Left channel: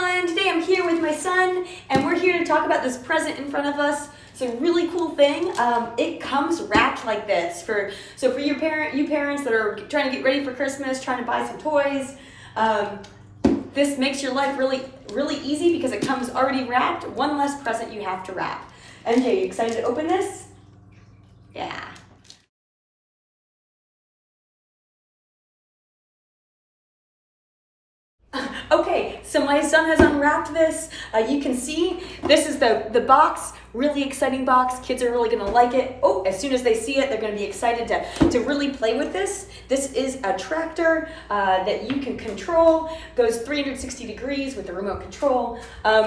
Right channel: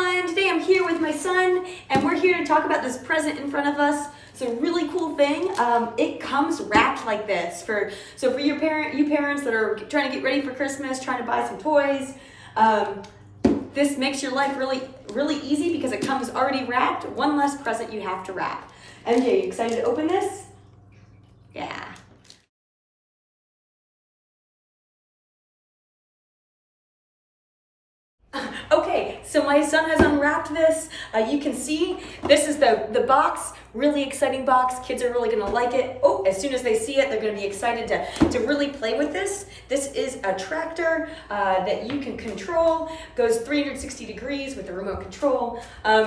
everyone, today I'm here with my son and we're here to talk about this present in front of us. It's a really cool thing. It comes wrapped like this for you parents that are trying to get ready for Christmas, trying to buy some toys. This makes your life really easy because it comes already wrapped. One less present you have to wrap. MJ, you excited to open this? Yeah. Okay, so my son has unwrapped this. You can see this is the box, really exciting box. Kids are really gonna like it. Oh, as soon as they see it, they're gonna be excited to really play with this. This is a tractor that you can control, goes 360 degrees with the remote control.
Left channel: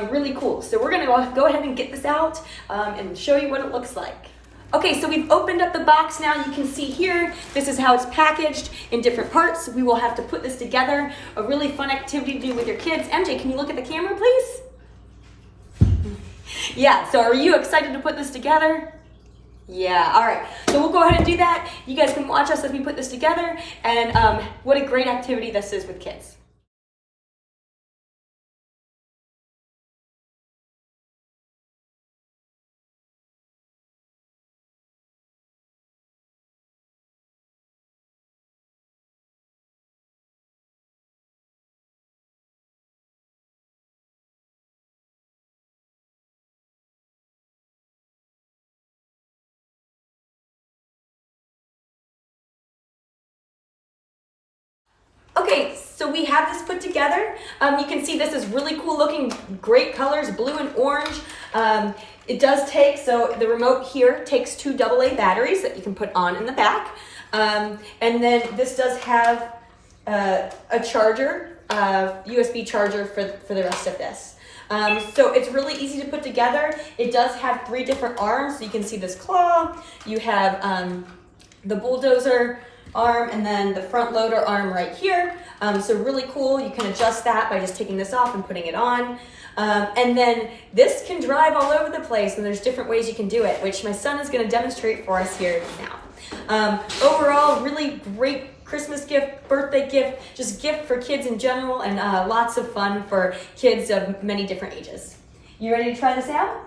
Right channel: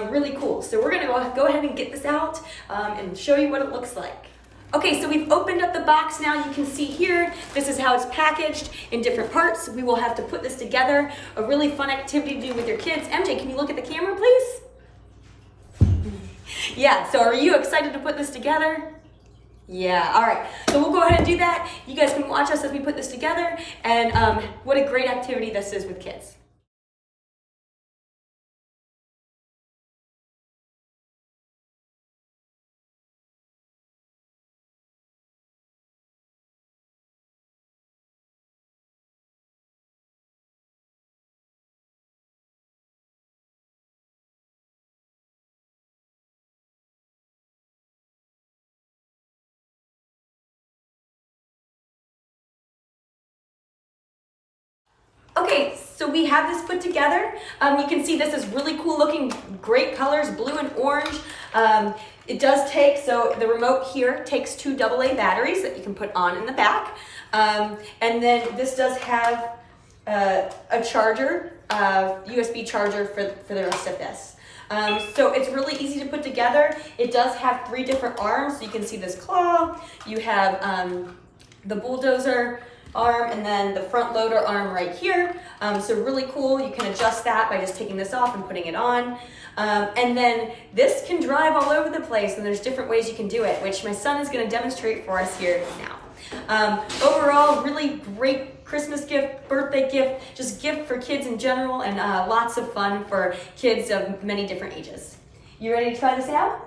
Really cool. So we're gonna go ahead and get this out and show you what it looks like. Okay, so we've opened up the box now. You can see here, this is how it's packaged in different parts. We will have to put this together. A really fun activity to do with your kids. MJ, can you look at the camera, please? Yeah, so are you excited to put this together? Yeah, all right. So we'll go ahead and do that. You guys can watch us as we put this together. And what a great activity this is with kids. Okay, so we have this put together. You can see this is really cool looking, great colors, blue and orange. It does take, so the remote here takes 2 AA batteries that you can put on in the back. And then this does have a charger, USB charger for the rest of this. So it's really easy to put together. It does have 3 different arms. So you can see this claw, you have the bulldozer arm, and then the front loader arm right here. So really cool. You can adjust that by just taking this off and putting it on. And then this can drive all over the place, and there's different ways you can do it, which my son is going to demonstrate for us here now. Overall, really great Christmas gift, birthday gift, just gift for kids in general, and lots of fun for kids of many different ages. You ready to try this out?